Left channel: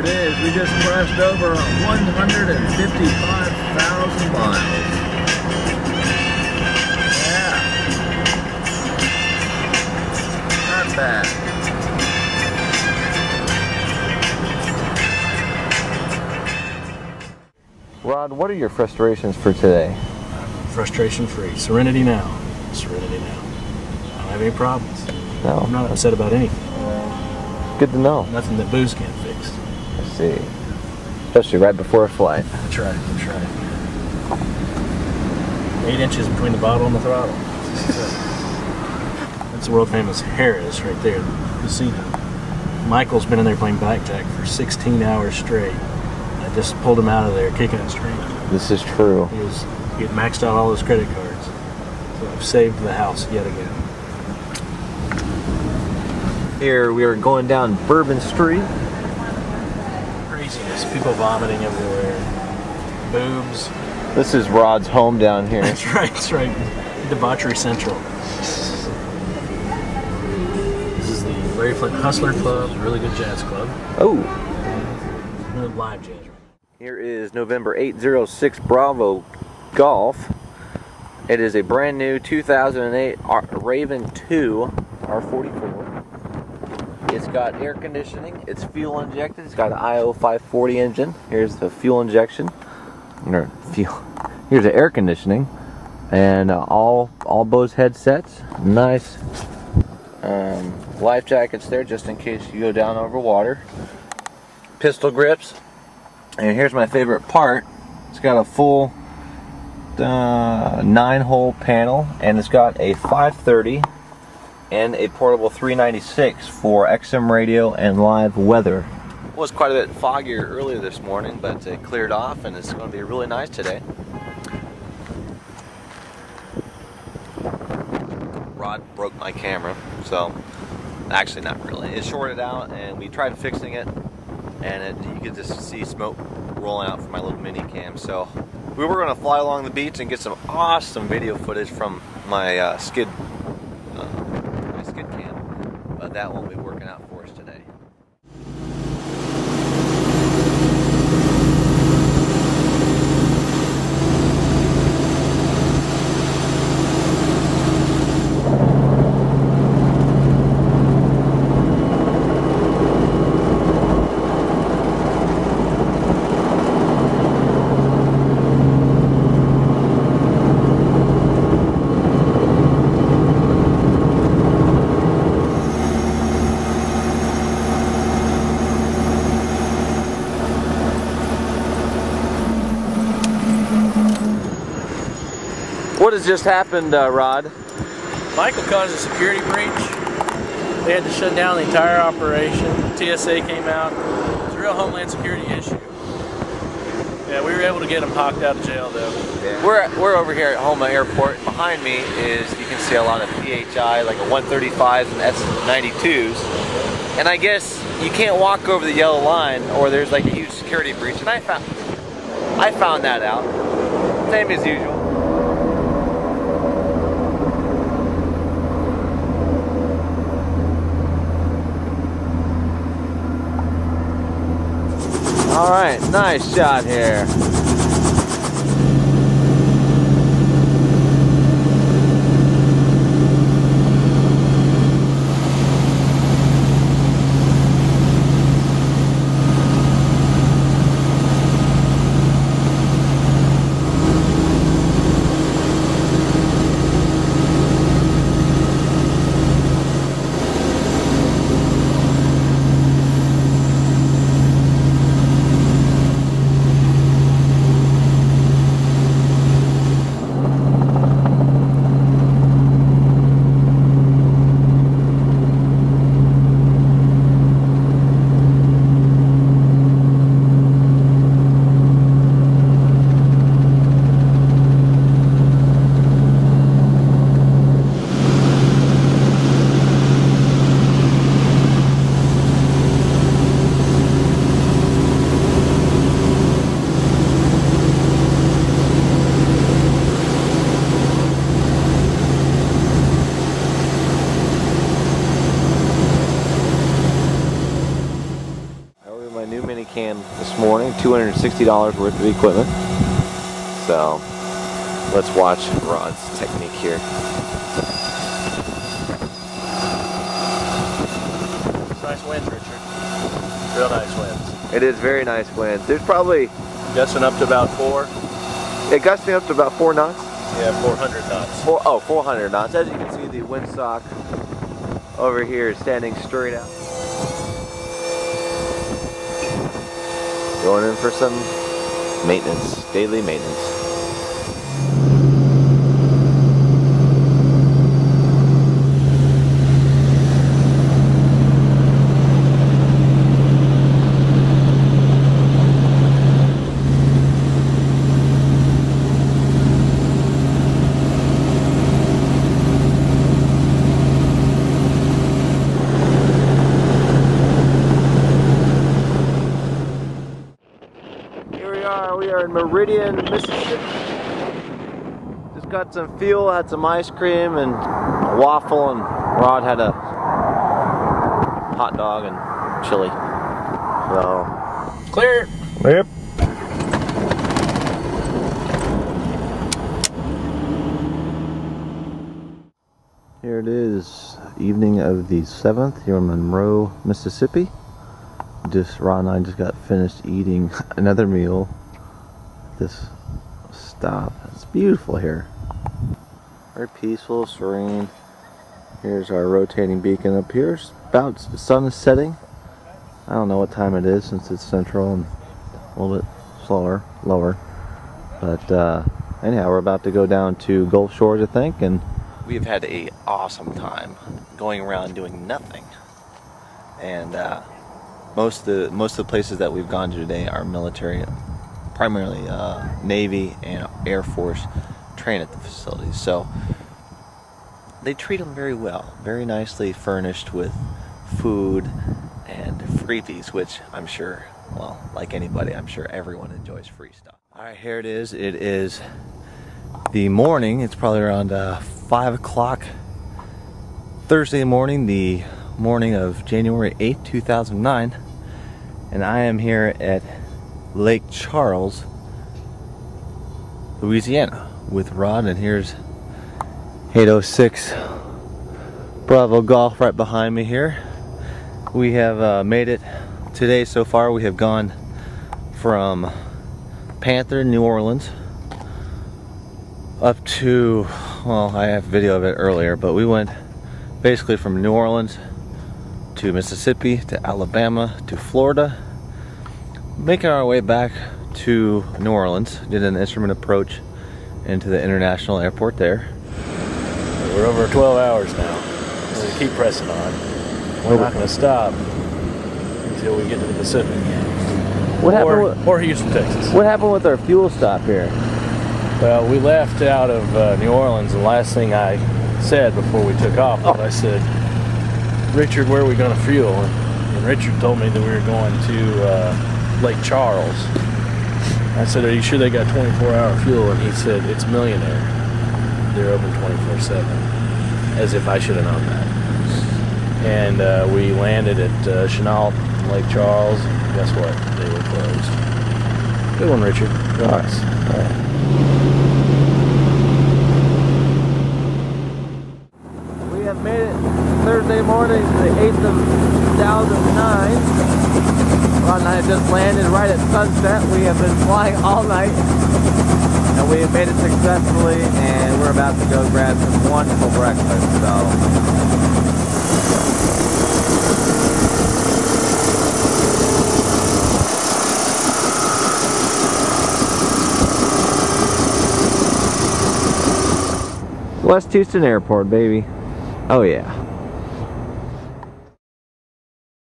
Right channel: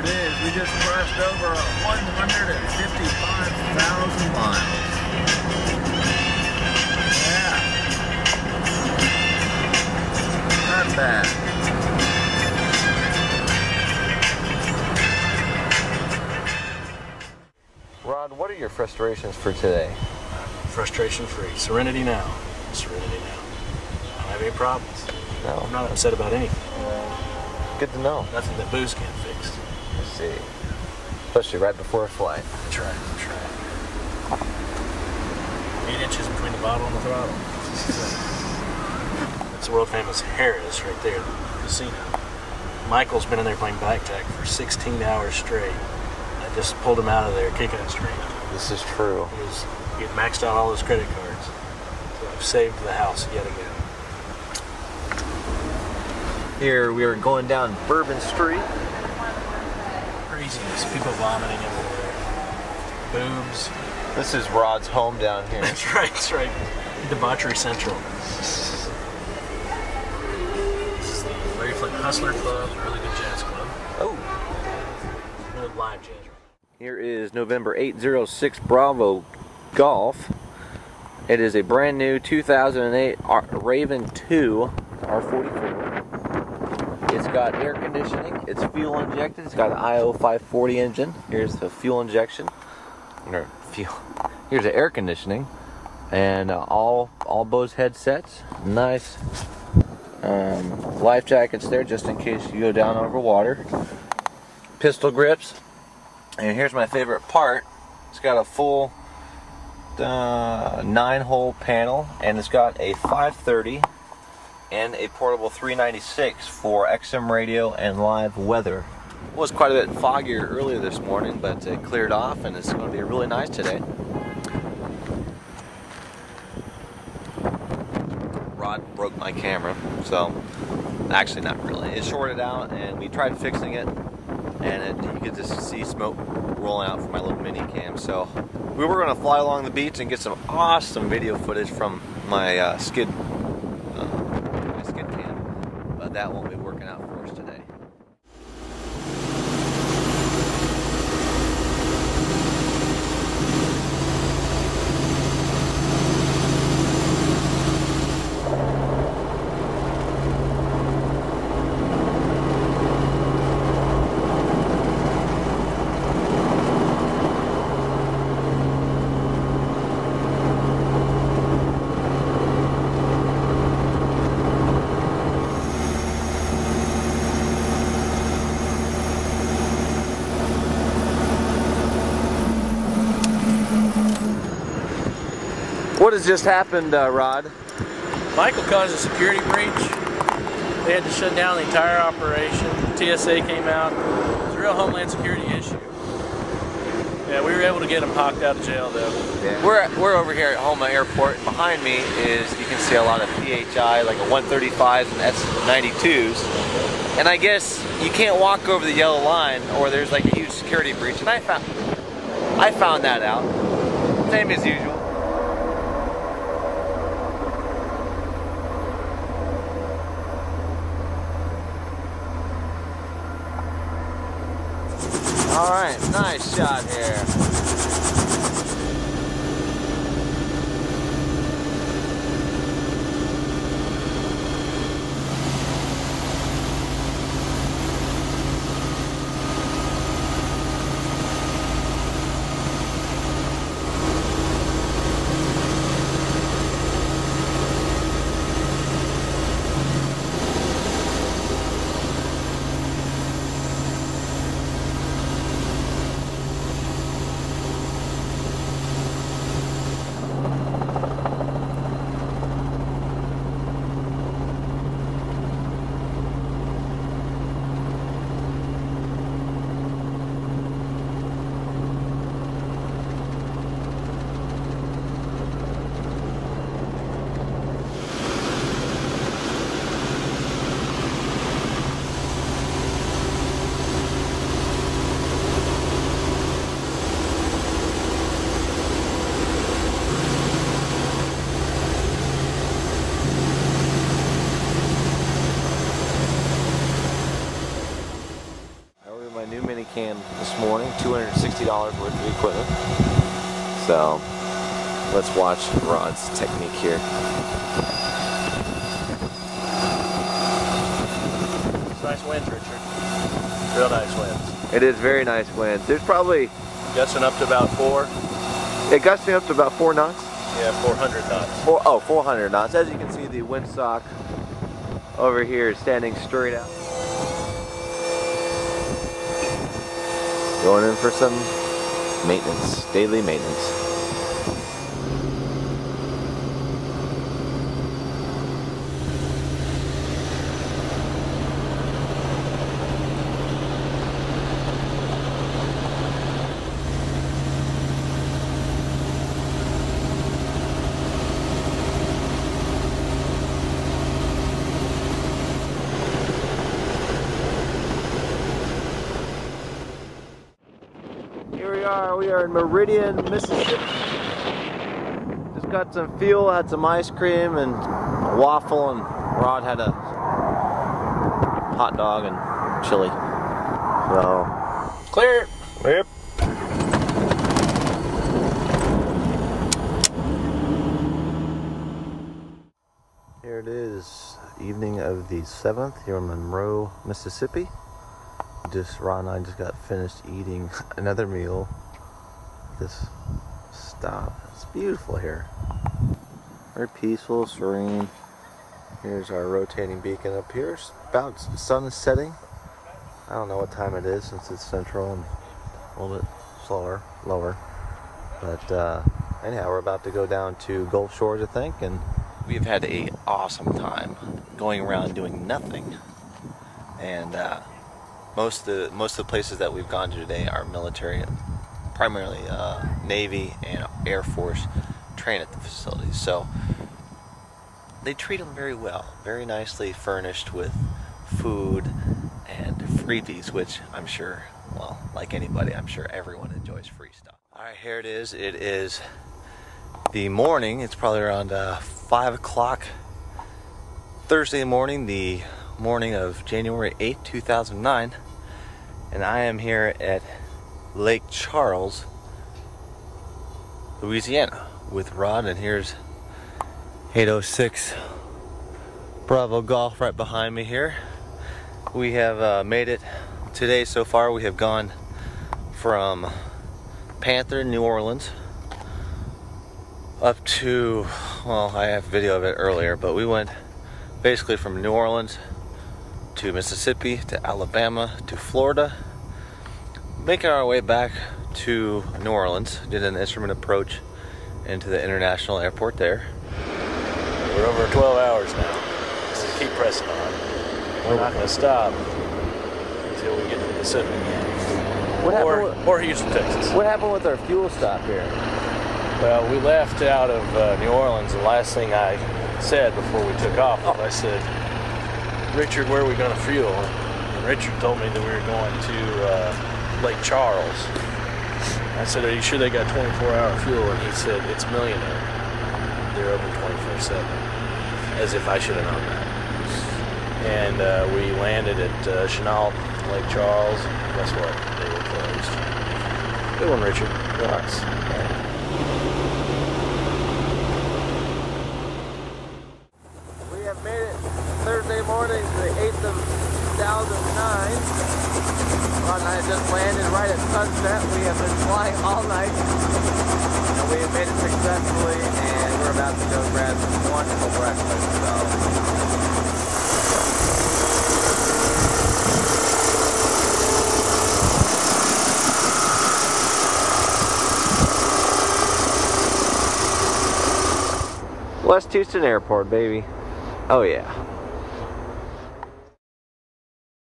it is. We just crossed over 155,000 miles. Yeah. Not bad. Rod, what are your frustrations for today? Frustration free. Serenity now. Serenity now. I don't have any problems. No. I'm not upset about anything. Good to know. Nothing that booze can't fix. I see. Especially right before a flight. That's right. That's right. 8 inches between the bottle and the throttle. That's the world famous Harris right there, the casino. Michael's been in there playing blackjack for 16 hours straight. I just pulled him out of there kicking and screaming. This is true. He had maxed out all his credit cards. So I've saved the house yet again. Here we are going down Bourbon Street. Craziness. People vomiting everywhere. Boobs. This is Rod's home down here. That's right, that's right. Debauchery Central. This is the Larry Flint Hustler Club, a really good jazz club. Oh. Good live jazz. Here is November 806 Bravo Golf. It is a brand new 2008 Raven 2 R44. It's got air conditioning, it's fuel injected, it's got an IO 540 engine. Here's the fuel injection. Here's the air conditioning, and all Bose headsets. Nice life jackets there, just in case you go down over water. Pistol grips, and here's my favorite part. It's got a full 9-hole panel, and it's got a 530 and a portable 396 for XM radio and live weather. It was quite a bit foggier earlier this morning, but it cleared off, and it's going to be really nice today. Rod broke my camera, so actually not really. It shorted out, and we tried fixing it, and you could just see smoke rolling out from my little mini cam. So we were going to fly along the beach and get some awesome video footage from my skid cam, but that won't be working out for us today. What has just happened, Rod? Michael caused a security breach. They had to shut down the entire operation. TSA came out. It's a real Homeland Security issue. Yeah, we were able to get him hawked out of jail, though. Yeah. We're over here at Homa Airport. Behind me is, you can see a lot of PHI, like a 135s and S92s. And I guess you can't walk over the yellow line, or there's like a huge security breach. And I found that out. Same as usual. Alright, nice shot here. new mini cam this morning, $260 worth of equipment. So let's watch Rod's technique here. It's nice winds, Richard. Real nice winds. It is very nice winds. There's probably Gusting up to about 4. gusting up to about 4 knots. Yeah, 400 knots. 400 knots. As you can see, the windsock over here is standing straight out. Going in for some maintenance, daily maintenance. We are in Meridian, Mississippi. Just got some fuel, had some ice cream and a waffle, and Rod had a hot dog and chili. So Clear. yep. Here it is, evening of the 7th here in Monroe, Mississippi. Rod and I just got finished eating another meal. This stop. It's beautiful here. Very peaceful, serene. Here's our rotating beacon up here. It's about the sun is setting. I don't know what time it is since it's central and a little bit lower. But anyhow, we're about to go down to Gulf Shores, I think, and we've had an awesome time going around doing nothing. And most of the places that we've gone to today are military, primarily Navy and Air Force train at the facilities. So they treat them very well, very nicely furnished with food and freebies, which I'm sure, well, like anybody, I'm sure everyone enjoys free stuff. Alright, here it is. It is the morning. It's probably around 5 o'clock Thursday morning, the morning of January 8th, 2009. And I am here at Lake Charles, Louisiana with Rod, and here's 806 Bravo Golf right behind me here. We have made it today so far. We have gone from Panther, New Orleans, up to, well, I have video of it earlier, but we went basically from New Orleans to Mississippi to Alabama to Florida, making our way back to New Orleans. Did an instrument approach into the international airport there. We're over 12 hours now, so we keep pressing on. We're not going to stop until we get to the Pacific. Or Houston, Texas. What happened with our fuel stop here? Well, we left out of New Orleans, and the last thing I said before we took off was, I said, Richard, where are we going to fuel? And Richard told me that we were going to Lake Charles. I said, are you sure they got 24-hour fuel? And he said, it's Millionaire. They're open 24/7. As if I should have known that. And we landed at Chenal, Lake Charles. And guess what? They were closed. Good one, Richard. Nice. We have made it Thursday morning, the 8th of 2009. Rod and I just landed right at sunset. We have been flying all night, and we have made it successfully, and we're about to go grab some wonderful breakfast. So West Houston Airport, baby. Oh yeah.